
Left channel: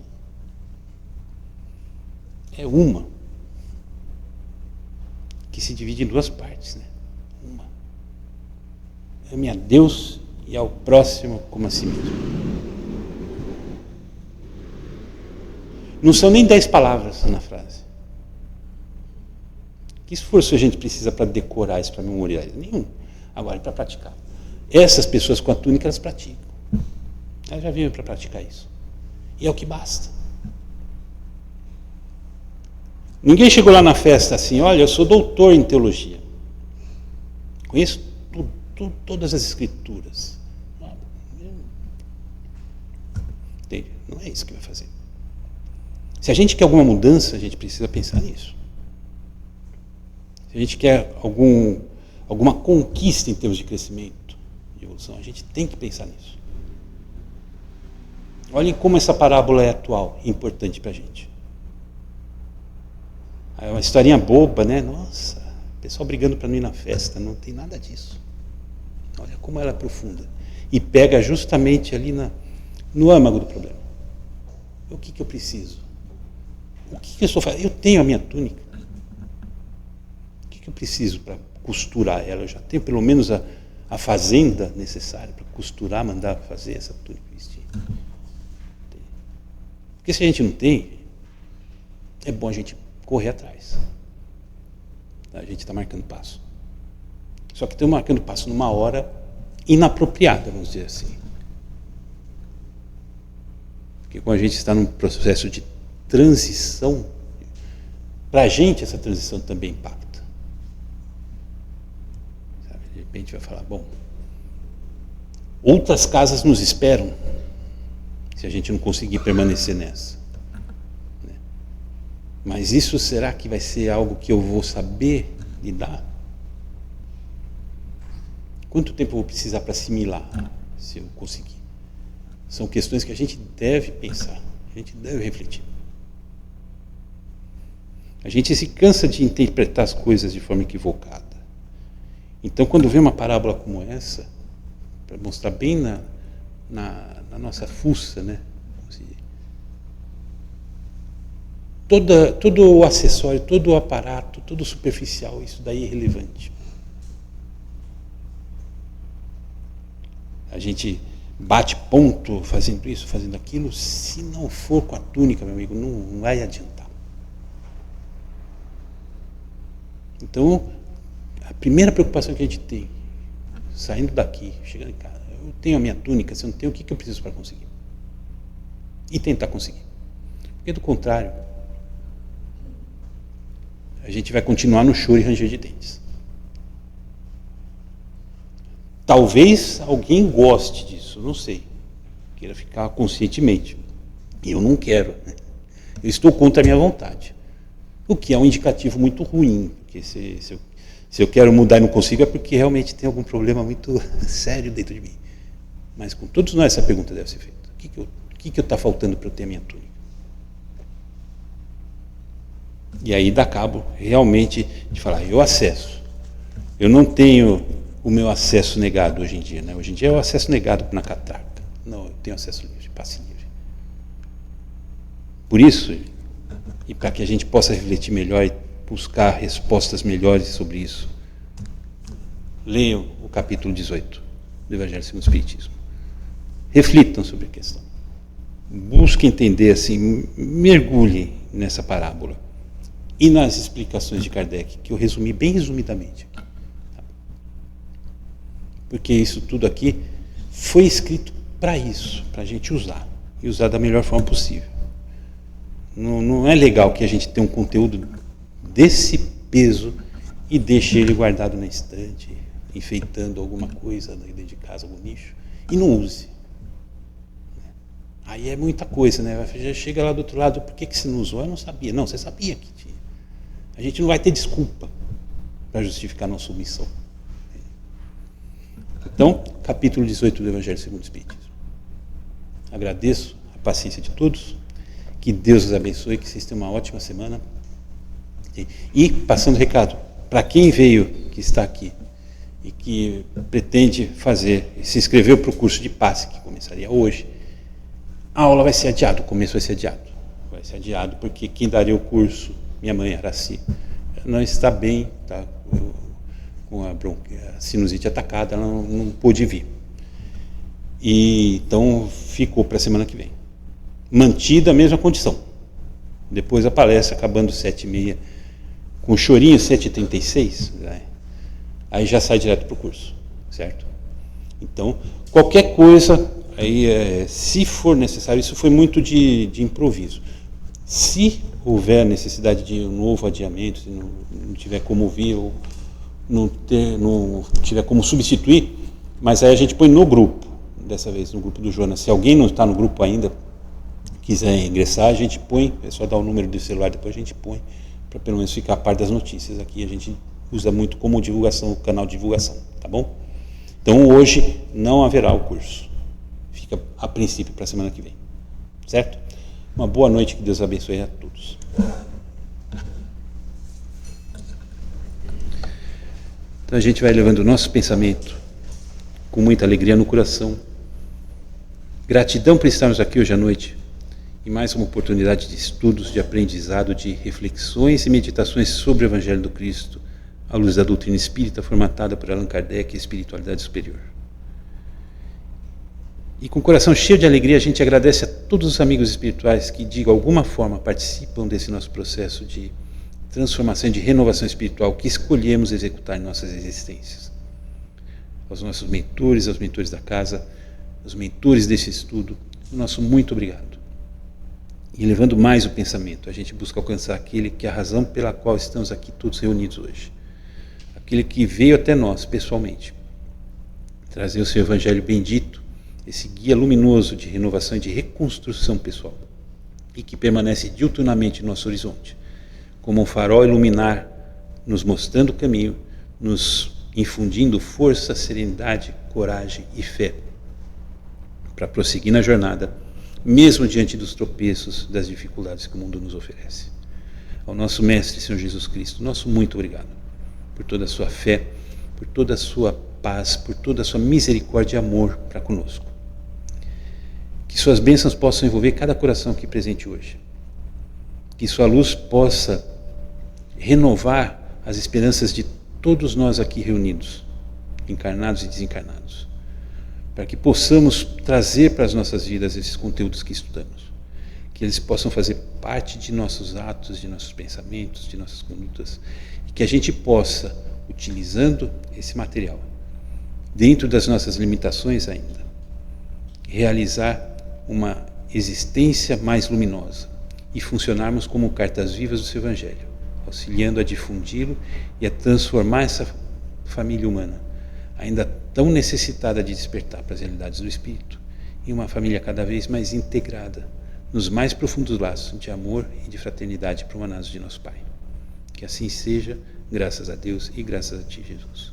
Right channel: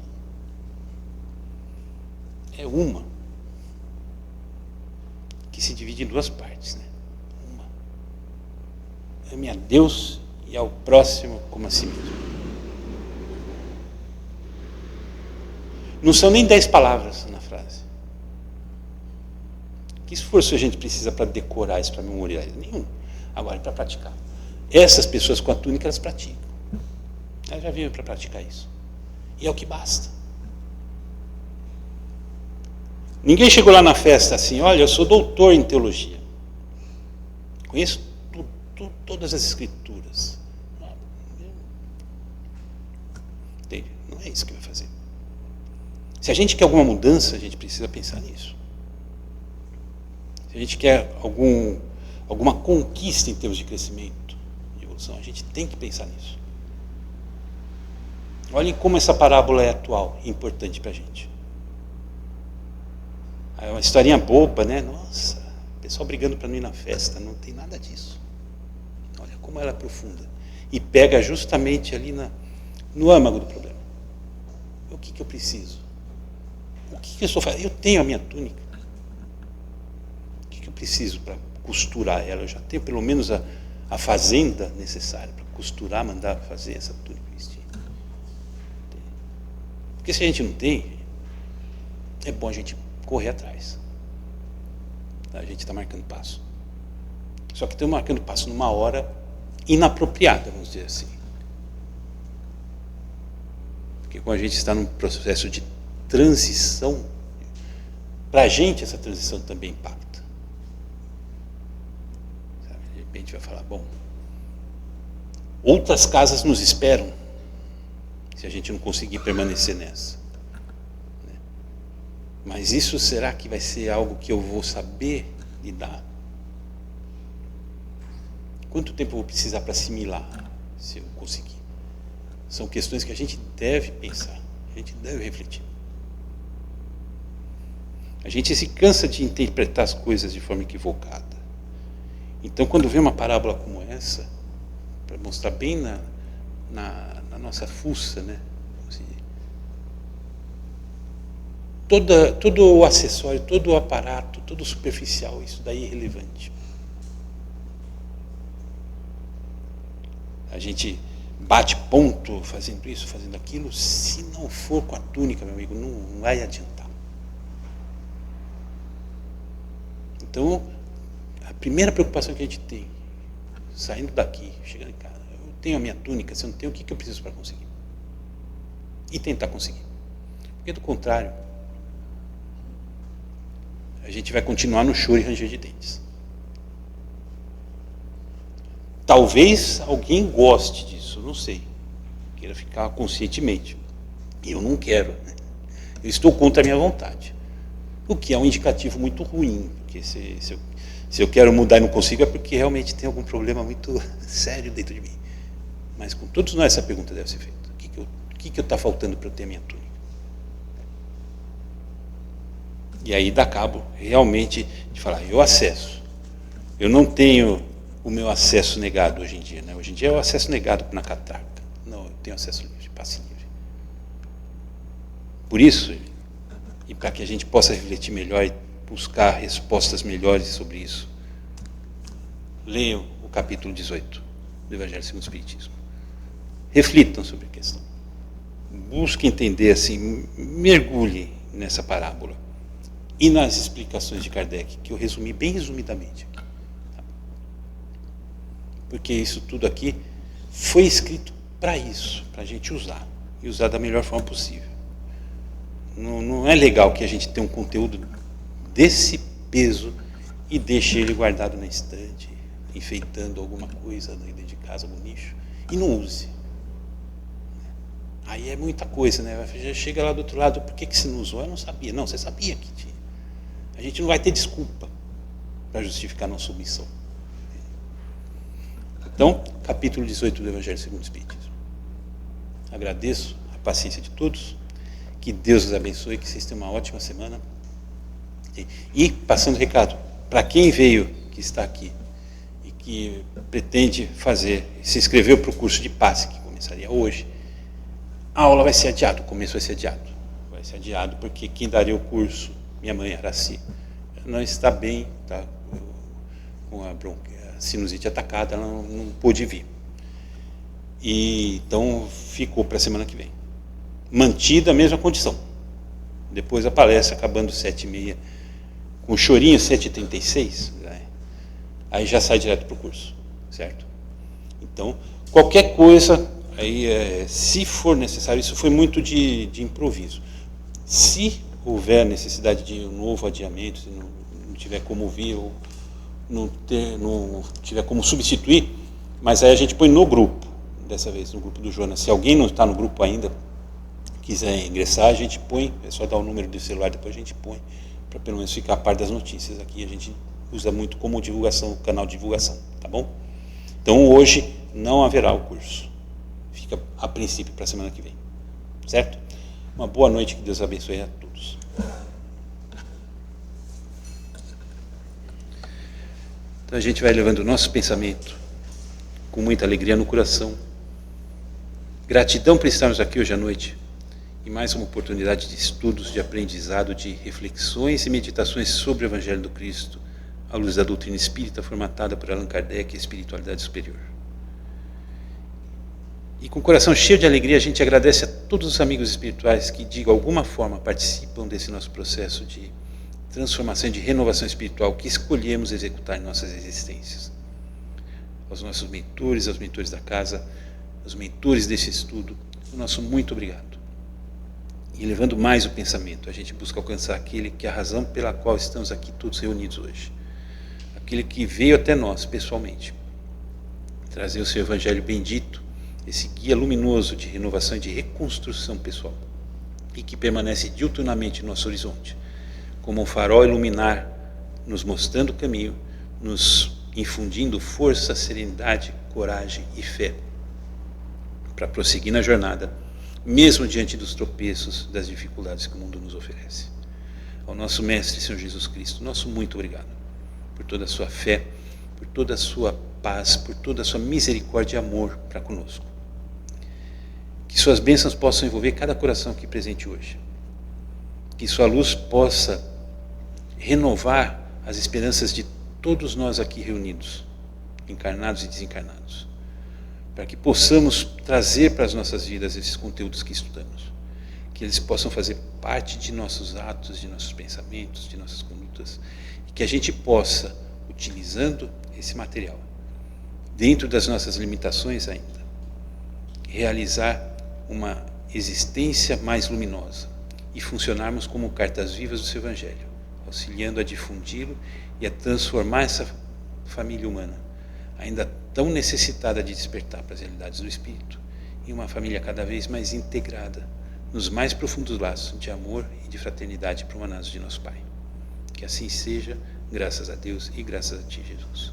É uma que se divide em duas partes, né? Uma. Ame a Deus e ao próximo como a si mesmo. Não são nem 10 palavras na frase. Que esforço a gente precisa para decorar isso, para memorizar? Nenhum. Agora, para praticar. Essas pessoas com a túnica, elas praticam. Elas já vieram para praticar isso. E é o que basta. Ninguém chegou lá na festa assim, olha, eu sou doutor em teologia. Conheço todas as escrituras. Entende? Não é isso que vai fazer. Se a gente quer alguma mudança, a gente precisa pensar nisso. Se a gente quer alguma conquista em termos de crescimento, de evolução, a gente tem que pensar nisso. Olhem como essa parábola é atual e importante para a gente. É uma historinha boba, né? Nossa, o pessoal brigando para não ir na festa, não tem nada disso. Olha como ela é profunda. E pega justamente ali no âmago do problema. O que eu preciso? O que eu estou fazendo? Eu tenho a minha túnica. O que eu preciso para costurar ela? Eu já tenho pelo menos a fazenda necessária para costurar, mandar fazer essa túnica vestir. Porque se a gente não tem, é bom a gente correr atrás. A gente está marcando passo. Só que estamos marcando passo numa hora inapropriada, vamos dizer assim. Porque quando a gente está num processo de transição, para a gente essa transição também impacta. Sabe? De repente vai falar, bom, outras casas nos esperam se a gente não conseguir permanecer nessa. Mas isso será que vai ser algo que eu vou saber lidar? Quanto tempo eu vou precisar para assimilar, se eu conseguir? São questões que a gente deve pensar, a gente deve refletir. A gente se cansa de interpretar as coisas de forma equivocada. Então, quando vê uma parábola como essa, para mostrar bem na nossa fuça, né? Todo o acessório, todo o aparato, todo o superficial, isso daí é irrelevante. A gente bate ponto fazendo isso, fazendo aquilo, se não for com a túnica, meu amigo, não vai adiantar. Então, a primeira preocupação que a gente tem, saindo daqui, chegando em casa, eu tenho a minha túnica, se eu não tenho, o que eu preciso para conseguir? E tentar conseguir. Porque do contrário, a gente vai continuar no choro e ranger de dentes. Talvez alguém goste disso, não sei. Queira ficar conscientemente. Eu não quero. Né? Eu estou contra a minha vontade. O que é um indicativo muito ruim. Porque se eu quero mudar e não consigo, é porque realmente tem algum problema muito sério dentro de mim. Mas com todos nós essa pergunta deve ser feita. O que está faltando para eu ter a minha túnica? E aí dá cabo realmente de falar, eu acesso. Eu não tenho o meu acesso negado hoje em dia. Né? Hoje em dia é o acesso negado na catraca. Não, eu tenho acesso livre, passe livre. Por isso, e para que a gente possa refletir melhor e buscar respostas melhores sobre isso, leiam o capítulo 18 do Evangelho segundo o Espiritismo. Reflitam sobre a questão. Busquem entender assim, mergulhem nessa parábola. E nas explicações de Kardec, que eu resumi bem resumidamente aqui. Porque isso tudo aqui foi escrito para isso, para a gente usar. E usar da melhor forma possível. Não é legal que a gente tenha um conteúdo desse peso e deixe ele guardado na estante, enfeitando alguma coisa dentro de casa, algum nicho, e não use. Aí é muita coisa, né? Já chega lá do outro lado, por que você não usou? Eu não sabia. Não, você sabia que tinha. A gente não vai ter desculpa para justificar a nossa omissão. Então, capítulo 18 do Evangelho segundo o Espiritismo. Agradeço a paciência de todos, que Deus os abençoe, que vocês tenham uma ótima semana. E, passando o recado, para quem veio, que está aqui, e que pretende se inscreveu para o curso de passe, que começaria hoje, a aula vai ser adiada, o começo vai ser adiado. Vai ser adiado porque quem daria o curso, minha mãe, Araci, não está bem, está com a sinusite atacada, ela não pôde vir. Então, ficou para a semana que vem. Mantida a mesma condição. Depois a palestra, acabando 7h30, com chorinho 7,36, aí já sai direto para o curso, certo? Então, qualquer coisa, aí, se for necessário, isso foi muito de improviso. Se houver necessidade de um novo adiamento, se não tiver como vir ou não tiver como substituir, mas aí a gente põe no grupo, dessa vez no grupo do Jonas. Se alguém não está no grupo ainda, quiser ingressar, a gente põe, é só dar o número do celular, depois a gente põe, para pelo menos ficar a par das notícias. Aqui a gente usa muito como divulgação, canal de divulgação, tá bom? Então hoje não haverá o curso, fica a princípio para a semana que vem, certo? Uma boa noite, que Deus abençoe a todos. Então a gente vai levando o nosso pensamento com muita alegria no coração. Gratidão por estarmos aqui hoje à noite, e mais uma oportunidade de estudos, de aprendizado, de reflexões e meditações sobre o Evangelho do Cristo, à luz da doutrina espírita formatada por Allan Kardec e a espiritualidade superior. E com o coração cheio de alegria, a gente agradece a todos os amigos espirituais que, de alguma forma, participam desse nosso processo de transformação e de renovação espiritual que escolhemos executar em nossas existências. Aos nossos mentores, aos mentores da casa, aos mentores desse estudo, o nosso muito obrigado. E levando mais o pensamento, a gente busca alcançar aquele que é a razão pela qual estamos aqui todos reunidos hoje. Aquele que veio até nós pessoalmente, trazer o seu Evangelho bendito, esse guia luminoso de renovação e de reconstrução pessoal, e que permanece diuturnamente no nosso horizonte, como um farol iluminar, nos mostrando o caminho, nos infundindo força, serenidade, coragem e fé, para prosseguir na jornada, mesmo diante dos tropeços, das dificuldades que o mundo nos oferece. Ao nosso Mestre, Senhor Jesus Cristo, nosso muito obrigado por toda a sua fé, por toda a sua paz, por toda a sua misericórdia e amor para conosco. Que suas bênçãos possam envolver cada coração aqui presente hoje. Que sua luz possa renovar as esperanças de todos nós aqui reunidos, encarnados e desencarnados, para que possamos trazer para as nossas vidas esses conteúdos que estudamos, que eles possam fazer parte de nossos atos, de nossos pensamentos, de nossas condutas, e que a gente possa, utilizando esse material, dentro das nossas limitações ainda, realizar uma existência mais luminosa e funcionarmos como cartas vivas do seu Evangelho, auxiliando a difundi-lo e a transformar essa família humana, ainda tão necessitada de despertar para as realidades do Espírito, em uma família cada vez mais integrada, nos mais profundos laços de amor e de fraternidade para o humanazo de nosso Pai. Que assim seja, graças a Deus e graças a Ti, Jesus.